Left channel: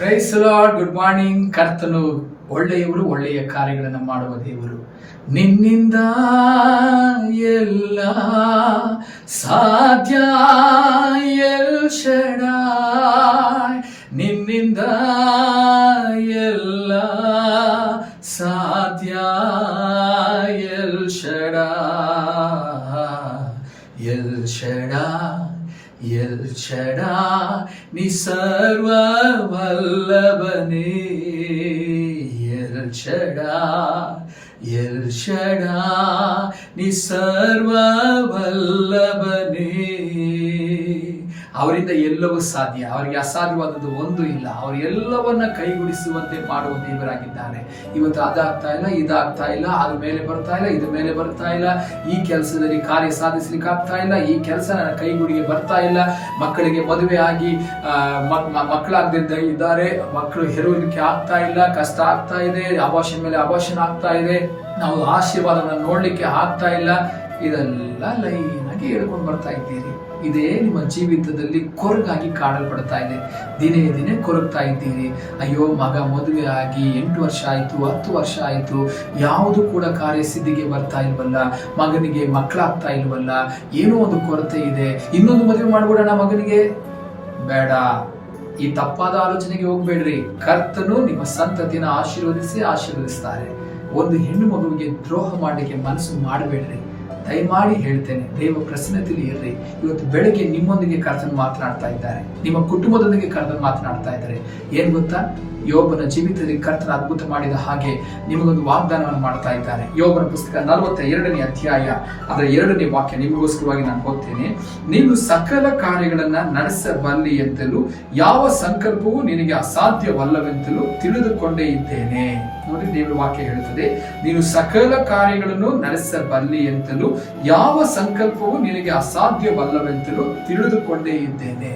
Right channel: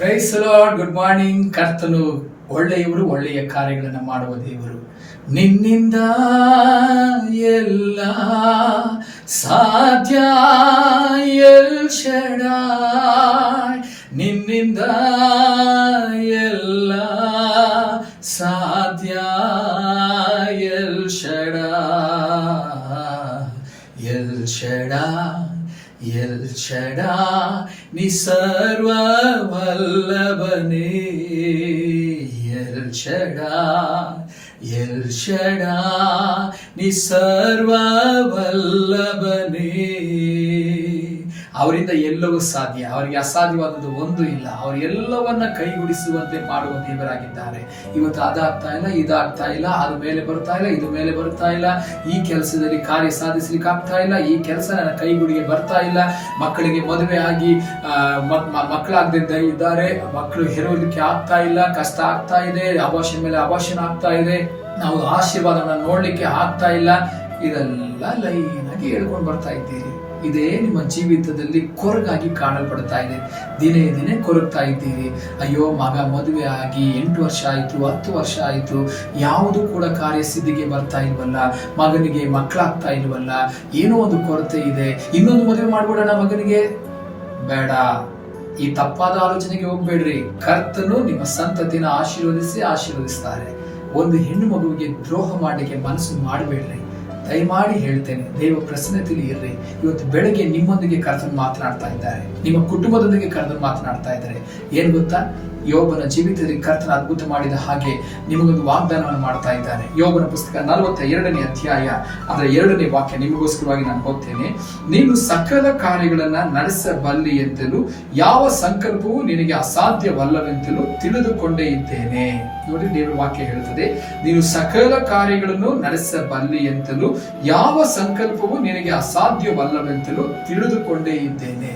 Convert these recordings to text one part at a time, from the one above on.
Price lord. Good morning. ಕರ್ತನು ಒಳ್ಳೆಯವರು, ಒಳ್ಳೆಯ ಕಾರ್ಯಗಳನ್ನು ಮಾಡುವ ದೇವರು. ನಿನ್ನಿಂದ ಎಲ್ಲ ಸಾಧ್ಯ ಎಲ್ ಶಡಾಯ್, ನಿನ್ನಿಂದ ಎಲ್ಲ ಸಾಧ್ಯ L Shaddai, L Shaddai, L Shaddai, ನೀ ಸರ್ವವಲ್ಲಭನೇ. ಎಲ್ ಶಡಾಯ್, ಎಲ್ ಶಡಾಯ್, ನೀ ಸರ್ವವಲ್ಲಭನೇ. ಅವರಿಂದ ಎಲ್ಲವೂ ಸಾಧ್ಯ, ಅವರಿಗೆ ಅಸಾಧ್ಯವಾದದ್ದು ಒಂದು ಇಲ್ಲ. ಅವರು ಎಲ್ಲವನ್ನ ಕೈಗೂಡಿಸುವಂತೆ ಮಾಡುವ ದೇವರಾಗಿದ್ದಾರೆ. ಇವತ್ತು ಅದಾಗ್ತಾ ಇಲ್ಲ, ಇದಾಗ್ತಾ ಇಲ್ಲ, ಅದು ಮೇಲೆ ಬರ್ತಾ ಇಲ್ಲ, ಇದು ಮೇಲೆ ಬರ್ತಾ ಇಲ್ಲ, ಈ ಕೆಲಸದಲ್ಲಿ ಕಾರ್ಯ ಸಾಧಿಸ್ಲಿಕ್ಕೆ ಆಗ್ತಾ ಇಲ್ಲ, ಈ ಕೆಲಸ ನನ್ನ ಕೈಗೂಡಿಗೆ ಬರ್ತಾ ಇಲ್ಲ, ಮಕ್ಕಳಿಗೆ ಮದುವೆ ಆಗಿ ಮಕ್ಕಳಾಗದಿದ್ದ ಇದ್ದಾರೆ, ಮಕ್ಕಳು ಹೆರುವಲಿಕ್ಕೆ ಆಗ್ತಾ ಇಲ್ಲ, ಕಷ್ಟ ಆಗ್ತಾ ಇದೆ, ಅಭಾಷಣ ಮೇಲೆ ಅಭಾಷಣ ಆಗ್ತಾ ಇದೆ, ನಾವು ಆಶೀರ್ವಾದವನ್ನು ನೋಡ್ಲಿಕ್ಕೆ ಆಗ್ತಾ ಇಲ್ಲ. ಇದೆಲ್ಲ ಲೈನಾಗಿ ಹೇಳ್ಕೊಂಡು ಬರ್ತಾ ಇದ್ದೀರಿ. ಇದೇ ನಿಮ್ಮ ಜೀವಿತದಲ್ಲಿ ಕೊರಗಾಗಿ ಕಾಣಲ್ಪಡ್ತಾ ಇದೆ. ದಿನೇ ದಿನೇ ಕೊರಗ್ತಾ ಇದ್ದೀರಿ. ಅಯ್ಯೋ, ಮಗ ಮದುವೆ ಆಗಿ 8 ವರ್ಷ ಆಯ್ತು, 10 ವರ್ಷ ಆಯ್ತು, ಯಾವುದು ಕೂಡ ಕಾರ್ಯಸಿದ್ಧಿಗೆ ಬರ್ತಾ ಇಲ್ವಲ್ಲ, ಮಗನಿಗೆ ಮಕ್ಕಳಾಗ್ತಾ ಇಲ್ವಲ್ಲ, ಏನೋ ಒಂದು ಕೊರತೆ ಇದೆ, ಇನ್ನೊಂದು ಮದುವೆ ಮಾಡ್ಬಿಡೋಣ ಮಗನಿಗೆ. ಬೇಡ, ಈ ತಪ್ಪಾದ ಆಲೋಚನೆಗೆ ಹೋಗ್ಬೇಡ್ರಿ. ಕರ್ತನು ನಿಮ್ಮ ಸಂತತಿನ ಆಶೀರ್ವದಿಸ್ತಾರೆ. ಒಂದು ಹೆಣ್ಣು ಮಗುವಿಗೆ ದ್ರೋಹ ಮಾಡಲಿಕ್ಕೆ ಮನಸ್ಸು ಮಾಡಬೇಡ್ರಿ. ದಯಮಾಡಿ ಹೇಳ್ತೇನೆ, ದೇವ ಪ್ರಸನ್ನತೆಯಲ್ಲಿ ಇರ್ರಿ. ಇವತ್ತು ಬೆಳಗ್ಗೆ ನಿಮ್ಮೊಂದಿಗೆ ಕರ್ತನು ಮಾತನಾಡ್ತಾ ಇದ್ದಾರೆ, ನಿಮ್ಮ ಕುಟುಂಬದೊಂದಿಗೆ ಕರ್ತನು ಮಾತನಾಡ್ತಾ ಇದ್ದಾರೆ. ಏನ್ ಗೊತ್ತಾ, ಯೋಬನ ಜೀವಿತದಲ್ಲಿ ಕರ್ತನ ಅದ್ಭುತ ಮಾಡಿದ ಹಾಗೆ ನಿಮಗೊಂದು ವಾಗ್ದಾನವನ್ನು ಮಾಡ್ತಾ ಇದ್ದಾರೆ. ಯೋಬನ ಪುಸ್ತಕ 42ನೇ ಅಧ್ಯಾಯ ಅದರ 2ನೇ ವಾಕ್ಯ ನಿಮಗೋಸ್ಕರವಾಗಿ ನಾನು ಓದ್ತೇನೆ. ನೀನು ಸಕಲ ಕಾರ್ಯಗಳನ್ನ ನಡೆಸಬಲ್ಲಿ ಎಂತಲೂ ಯಾವ ಸಂಕಲ್ಪವೂ ನಿನಗೆ ಅಸಾಧ್ಯವಲ್ಲವೆಂತಲೂ ತಿಳಿದುಕೊಂಡೇ ಇದ್ದೇನೆ. ನೋಡಿ, ದೇವರ ವಾಕ್ಯ ಹೇಳುತ್ತದೆ, ನೀನು ಸಕಲ ಕಾರ್ಯಗಳನ್ನು ನಡೆಸಬಲ್ಲಿ ಎಂತಲೂ ಯಾವ ಸಂಕಲ್ಪವೂ ನಿನಗೆ ಅಸಾಧ್ಯವಲ್ಲವೆಂತಲೂ ತಿಳಿದುಕೊಂಡೇ ಇದ್ದೇನೆ.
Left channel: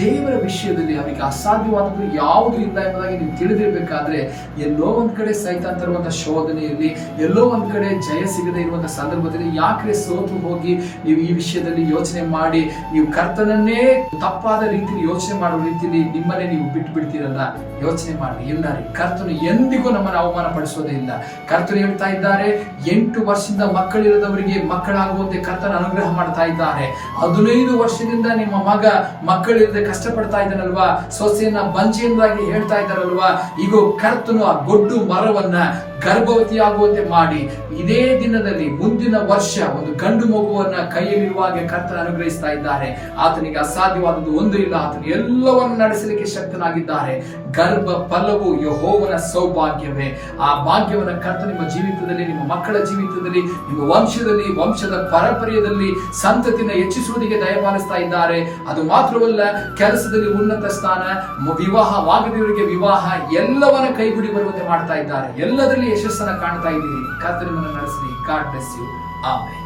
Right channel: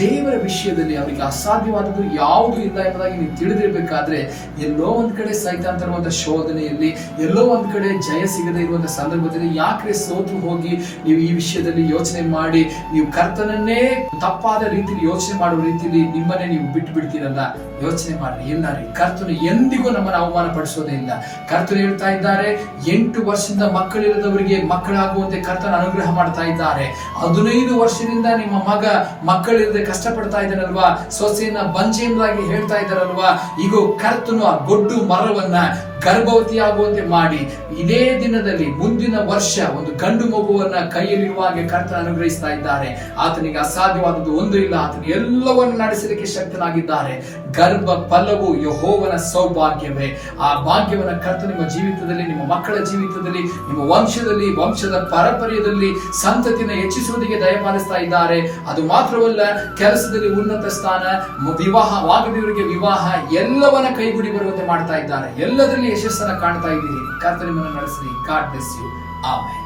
ದೇವರ ವಿಷಯದಲ್ಲಿ ಅವರಿಗೆ ಅಸಾಧ್ಯವಾದದ್ದು ಯಾವುದು ಇಲ್ಲ ಎಂಬುದಾಗಿ ನೀವು ತಿಳಿದಿರಬೇಕಾದ್ರೆ, ಎಲ್ಲೋ ಒಂದ್ ಕಡೆ ಸೈತಾನ್ ತರುವಂತಹ ಶೋಧನೆಯಲ್ಲಿ, ಎಲ್ಲೋ ಒಂದ್ ಕಡೆ ಜಯ ಸಿಗದೆ ಇರುವಂತಹ ಸಂದರ್ಭದಲ್ಲಿ ಯಾಕೆ ಸೋತು ಹೋಗಿ ನೀವು ಈ ವಿಷಯದಲ್ಲಿ ಯೋಚನೆ ಮಾಡಿ ನೀವು ಕರ್ತನನ್ನೇ ತಪ್ಪಾದ ರೀತಿಯಲ್ಲಿ ಯೋಚನೆ ಮಾಡುವ ರೀತಿಯಲ್ಲಿ ನಿಮ್ಮನ್ನೇ ನೀವು ಬಿಟ್ಟು ಬಿಡ್ತೀರಲ್ಲ. ಯೋಚನೆ ಮಾಡ್ರಿ. ಇಲ್ಲ ರೀ, ಕರ್ತನು ಎಂದಿಗೂ ನಮ್ಮನ್ನು ಅವಮಾನ ಪಡಿಸೋದೇ ಇಲ್ಲ. ಕರ್ತನು ಹೇಳ್ತಾ ಇದ್ದಾರೆ, 8 ವರ್ಷದಿಂದ ಮಕ್ಕಳಿಲ್ಲದವರಿಗೆ ಮಕ್ಕಳಾಗುವಂತೆ ಕರ್ತನ ಅನುಗ್ರಹ ಮಾಡ್ತಾ ಇದ್ದಾರೆ. 15 ವರ್ಷದಿಂದ ನಿಮ್ಮ ಮಗ ಮಕ್ಕಳಿಲ್ಲದೆ ಕಷ್ಟಪಡ್ತಾ ಇದ್ದಾನಲ್ವಾ, ಸೊಸೆಯನ್ನ ಬಂಜಿಯಿಂದಾಗಿ ಹೇಳ್ತಾ ಇದ್ದಾರಲ್ವಾ, ಈಗ ಕರ್ತನು ಆ ಗೊಡ್ಡು ಮರವನ್ನ ಗರ್ಭವತಿ ಆಗುವಂತೆ ಮಾಡಿ ಇದೇ ದಿನದಲ್ಲಿ ಮುಂದಿನ ವರ್ಷ ಒಂದು ಗಂಡು ಮಗುವನ್ನ ಕೈಯಲ್ಲಿರುವಾಗ ಕರ್ತನ ಅನುಗ್ರಹಿಸ್ತಾ ಇದ್ದಾರೆ. ಆತನಿಗೆ ಅಸಾಧ್ಯವಾದದ್ದು ಒಂದು ಇಲ್ಲ. ಆತನು ಎಲ್ಲವನ್ನು ನಡೆಸಲಿಕ್ಕೆ ಶಕ್ತನಾಗಿದ್ದಾರೆ. ಗರ್ಭ ಫಲವು ಯೆಹೋವನ ಸೌಭಾಗ್ಯವೇ. ಆ ಭಾಗ್ಯವನ್ನ ಕರ್ತ ನಿಮ್ಮ ಜೀವಿತದಲ್ಲಿ, ನಿಮ್ಮ ಮಕ್ಕಳ ಜೀವಿತದಲ್ಲಿ, ನಿಮ್ಮ ವಂಶದಲ್ಲಿ, ವಂಶದ ಪರಂಪರೆಯಲ್ಲಿ ಸಂತತಿನ ಹೆಚ್ಚಿಸುವುದಕ್ಕೆ ದಯಪಾಲಿಸ್ತಾ ಇದ್ದಾರೆ. ಅದು ಮಾತ್ರವಲ್ಲ, ಕೆಲಸದಲ್ಲಿ ಉನ್ನತ ಸ್ಥಾನ, ವಿವಾಹವಾಗದವರಿಗೆ ವಿವಾಹ, ಎಲ್ಲವನ್ನ ಕೈಗೂಡಿ ಬರುವಂತೆ ಮಾಡ್ತಾ ಇದ್ದಾರೆ. ಎಲ್ಲದರಲ್ಲಿ ಯಶಸ್ಸನ್ನ ಕಾಣ್ತಾ ಇದ್ದೀರಿ. ಕರ್ತನು ನಿಮ್ಮನ್ನು ನಡೆಸಲಿ. God bless you. ಆಮೆನ್.